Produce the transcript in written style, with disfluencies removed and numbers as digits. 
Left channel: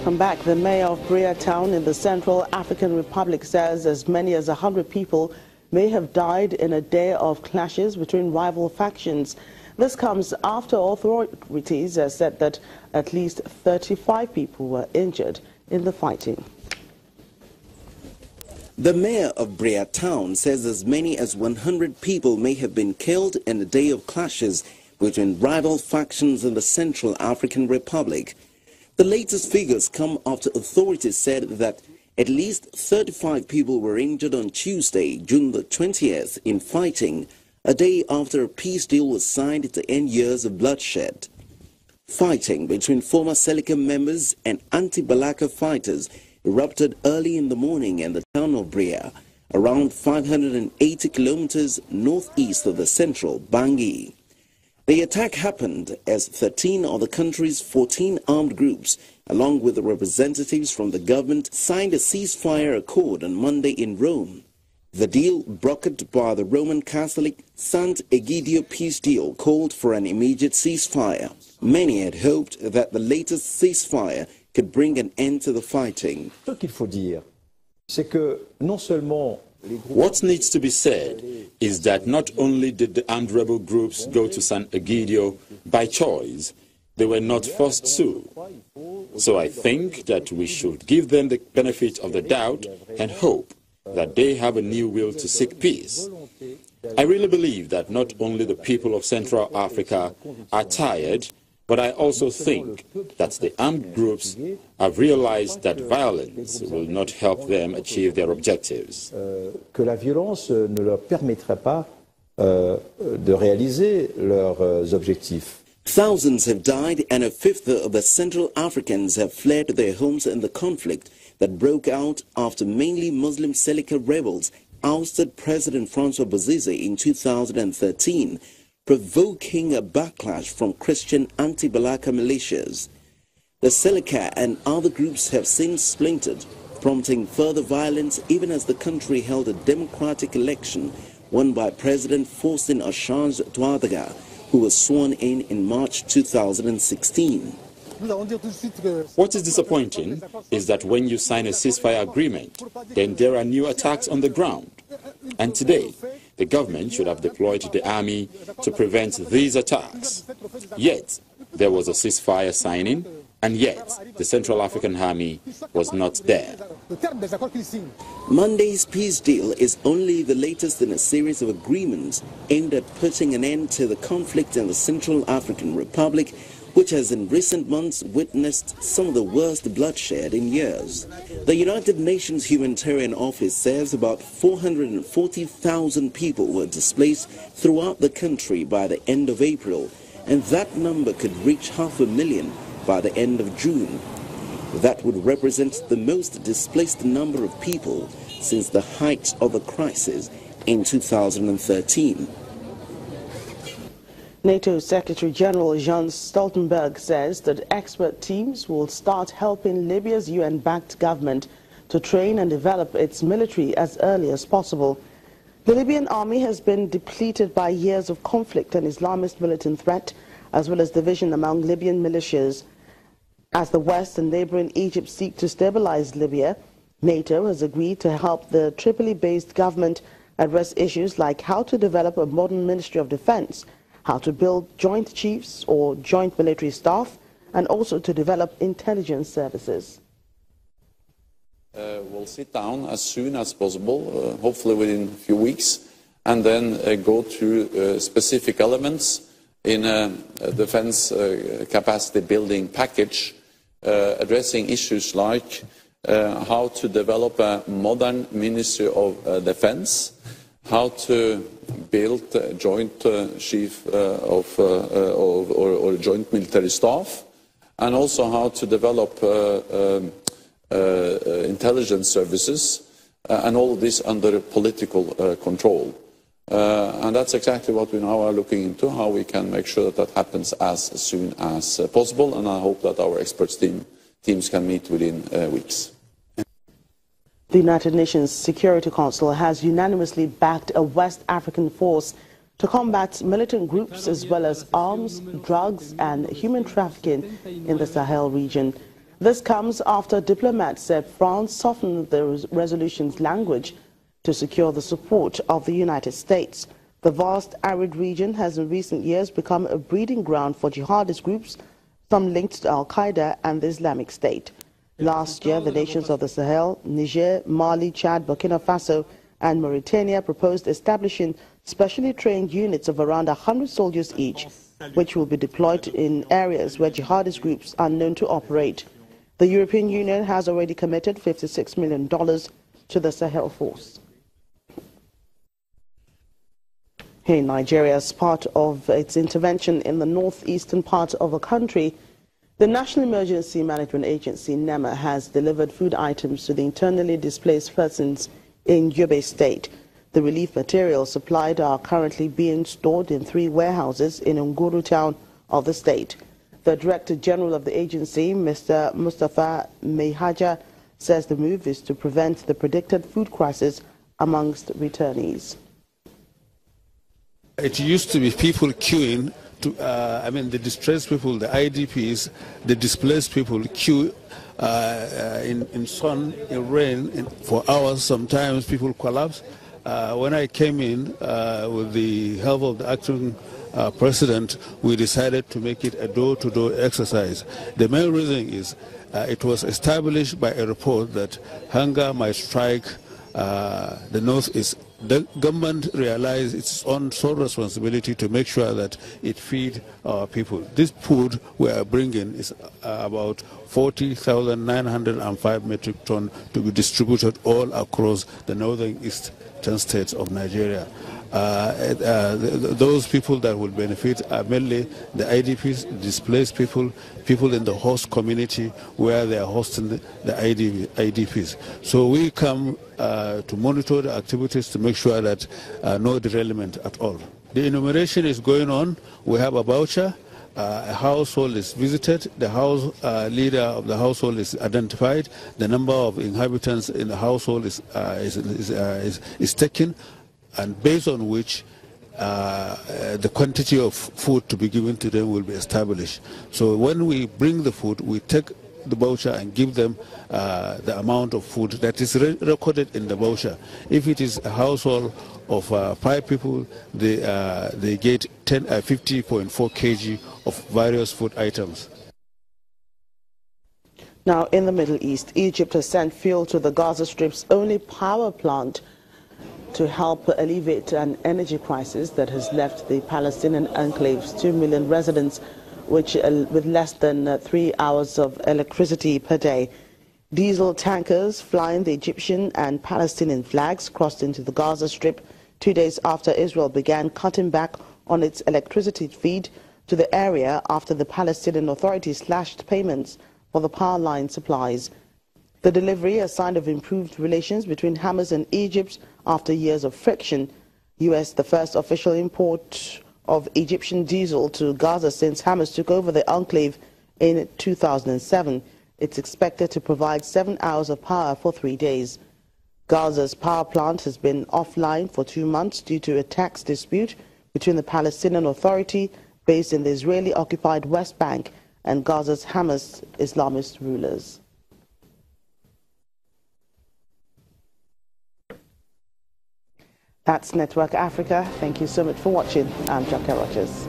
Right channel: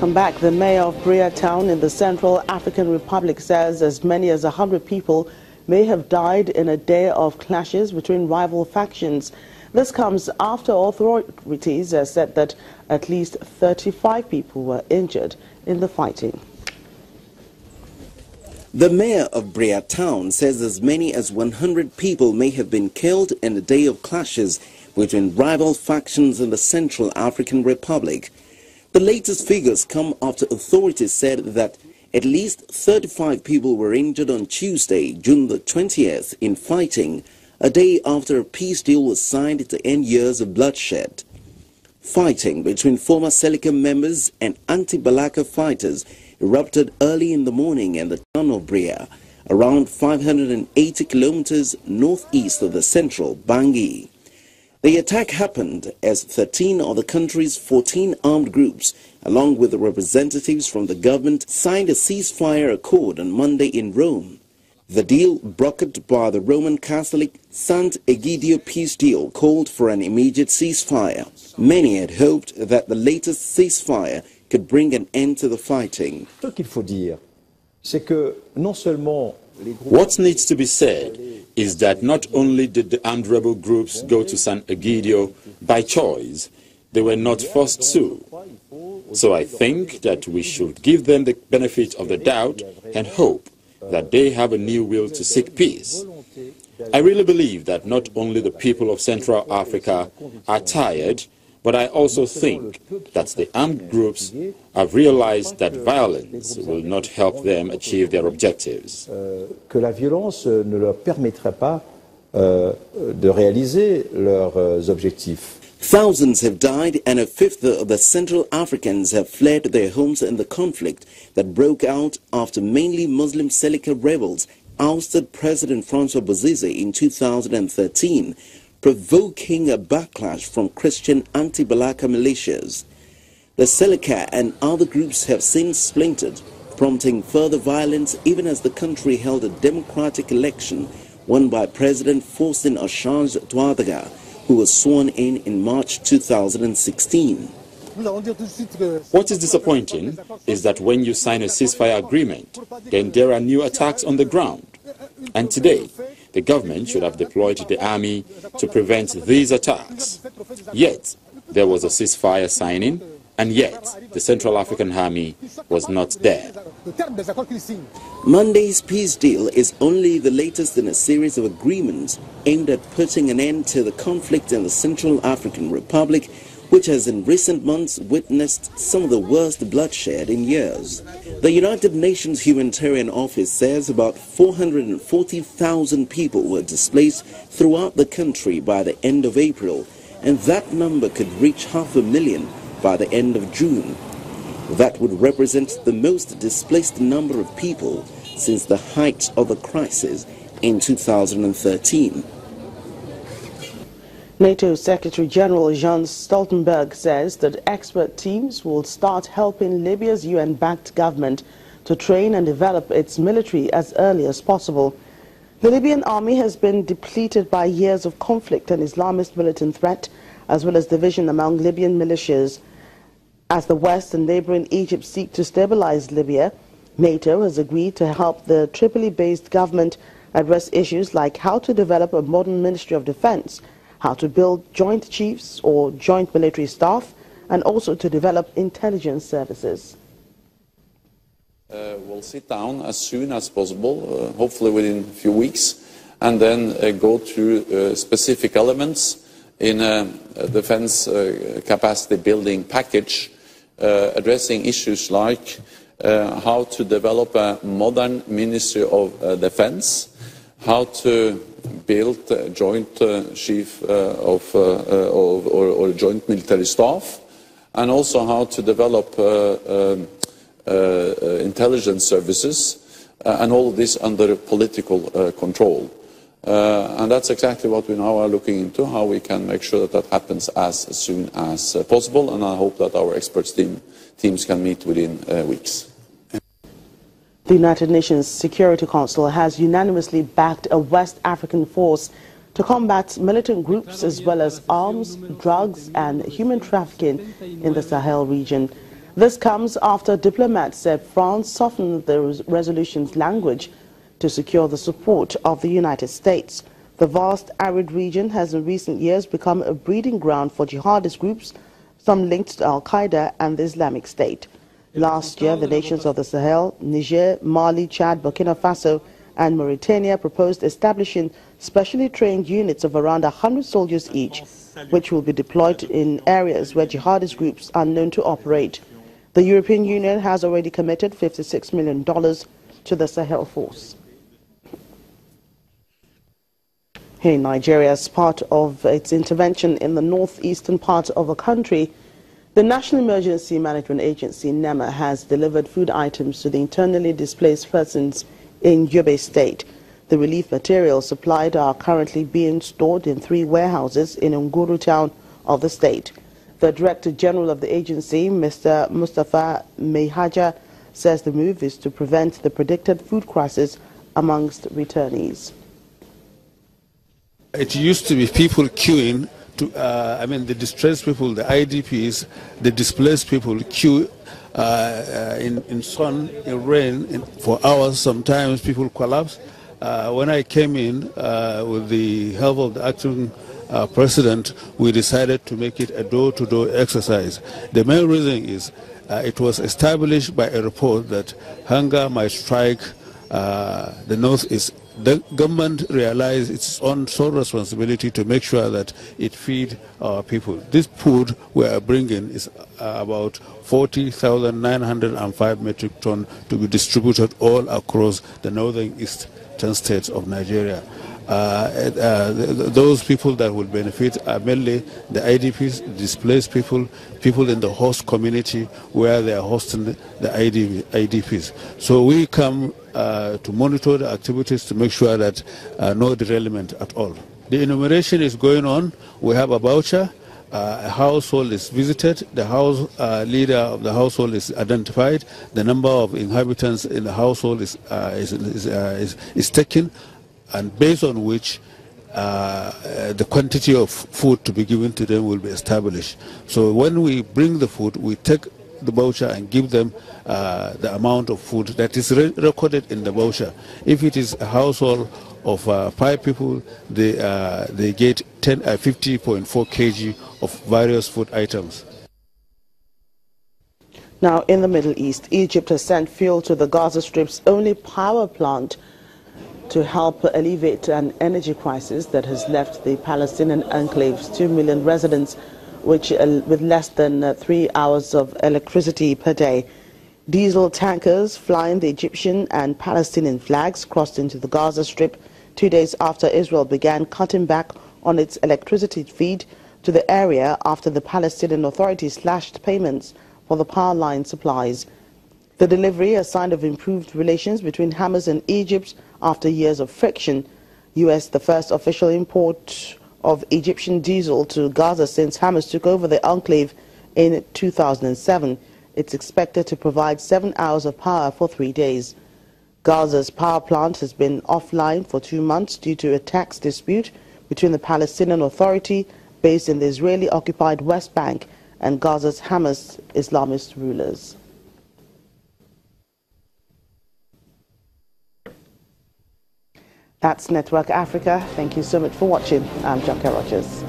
Welcome back. The mayor of Brea Town in the Central African Republic says as many as 100 people may have died in a day of clashes between rival factions. This comes after authorities have said that at least 35 people were injured in the fighting. The mayor of Brea Town says as many as 100 people may have been killed in a day of clashes between rival factions in the Central African Republic. The latest figures come after authorities said that at least 35 people were injured on Tuesday, June the 20th, in fighting, a day after a peace deal was signed to end years of bloodshed. Fighting between former Seleka members and anti-Balaka fighters erupted early in the morning in the town of Brea, around 580 kilometers northeast of the central Bangui. The attack happened as 13 of the country's 14 armed groups, along with representatives from the government, signed a ceasefire accord on Monday in Rome. The deal, brokered by the Roman Catholic Sant Egidio peace deal, called for an immediate ceasefire. Many had hoped that the latest ceasefire could bring an end to the fighting. What needs to be said is that not only did the armed rebel groups go to San Egidio by choice, they were not forced to. So I think that we should give them the benefit of the doubt and hope that they have a new will to seek peace. I really believe that not only the people of Central Africa are tired, but I also think that the armed groups have realized that violence will not help them achieve their objectives. Que la violence ne leur permettrait pas de réaliser leurs objectifs. Thousands have died and a fifth of the Central Africans have fled their homes in the conflict that broke out after mainly Muslim Seleka rebels ousted President Francois Bozize in 2013. Provoking a backlash from Christian anti-Balaka militias. The Seleka and other groups have since splintered, prompting further violence even as the country held a democratic election won by President Faustin Archange Touadéra, who was sworn in March 2016. What is disappointing is that when you sign a ceasefire agreement, then there are new attacks on the ground. And today, the government should have deployed the army to prevent these attacks. Yet, there was a ceasefire signing, and yet the Central African Army was not there. Monday's peace deal is only the latest in a series of agreements aimed at putting an end to the conflict in the Central African Republic, which has in recent months witnessed some of the worst bloodshed in years. The United Nations Humanitarian Office says about 440,000 people were displaced throughout the country by the end of April, and that number could reach 500,000 by the end of June. That would represent the most displaced number of people since the height of the crisis in 2013. NATO Secretary General Jens Stoltenberg says that expert teams will start helping Libya's UN-backed government to train and develop its military as early as possible. The Libyan army has been depleted by years of conflict and Islamist militant threat, as well as division among Libyan militias. As the West and neighboring Egypt seek to stabilize Libya, NATO has agreed to help the Tripoli-based government address issues like how to develop a modern Ministry of Defense, how to build joint chiefs or joint military staff, and also to develop intelligence services. We'll sit down as soon as possible, hopefully within a few weeks, and then go through specific elements in a defense capacity building package, addressing issues like how to develop a modern Ministry of Defense, how to build a joint chief or joint military staff, and also how to develop intelligence services, and all this under political control. And that's exactly what we now are looking into, how we can make sure that happens as soon as possible, and I hope that our experts teams can meet within weeks. The United Nations Security Council has unanimously backed a West African force to combat militant groups as well as arms, drugs and human trafficking in the Sahel region. This comes after diplomats said France softened the resolution's language to secure the support of the United States. The vast arid region has in recent years become a breeding ground for jihadist groups, some linked to Al-Qaeda and the Islamic State. Last year, the nations of the Sahel, Niger, Mali, Chad, Burkina Faso, and Mauritania proposed establishing specially trained units of around 100 soldiers each, which will be deployed in areas where jihadist groups are known to operate. The European Union has already committed $56 million to the Sahel force. Here in Nigeria, as part of its intervention in the northeastern part of the country, the National Emergency Management Agency, NEMA, has delivered food items to the internally displaced persons in Yobe State. The relief materials supplied are currently being stored in 3 warehouses in Nguru town of the state. The Director General of the agency, Mr. Mustafa Mehaja, says the move is to prevent the predicted food crisis amongst returnees. It used to be people queuing, the distressed people, the IDPs, the displaced people queue in sun, in rain, for hours. Sometimes people collapse. When I came in with the help of the acting president, we decided to make it a door-to-door exercise. The main reason is it was established by a report that hunger might strike the northeast. The government realized its own sole responsibility to make sure that it feed our people. This food we are bringing is about 40,905 metric tons to be distributed all across the northern eastern states of Nigeria. Those people that will benefit are mainly the IDPs, displaced people, people in the host community where they are hosting the IDPs. So we come to monitor the activities to make sure that no derailment at all. The enumeration is going on. We have a voucher. A household is visited. The house leader of the household is identified. The number of inhabitants in the household is taken, and based on which the quantity of food to be given to them will be established. So when we bring the food, we take the voucher and give them the amount of food that is recorded in the voucher. If it is a household of 5 people, they get 50.4 kg of various food items. Now, in the Middle East, Egypt has sent fuel to the Gaza Strip's only power plant to help alleviate an energy crisis that has left the Palestinian enclave's 2 million residents with less than 3 hours of electricity per day. Diesel tankers flying the Egyptian and Palestinian flags crossed into the Gaza Strip 2 days after Israel began cutting back on its electricity feed to the area after the Palestinian Authority slashed payments for the power line supplies. The delivery, a sign of improved relations between Hamas and Egypt after years of friction. U.S. the first official import of Egyptian diesel to Gaza since Hamas took over the enclave in 2007. It's expected to provide 7 hours of power for 3 days. Gaza's power plant has been offline for 2 months due to a tax dispute between the Palestinian Authority, based in the Israeli-occupied West Bank, and Gaza's Hamas Islamist rulers. That's Network Africa. Thank you so much for watching. I'm Jackie Rogers.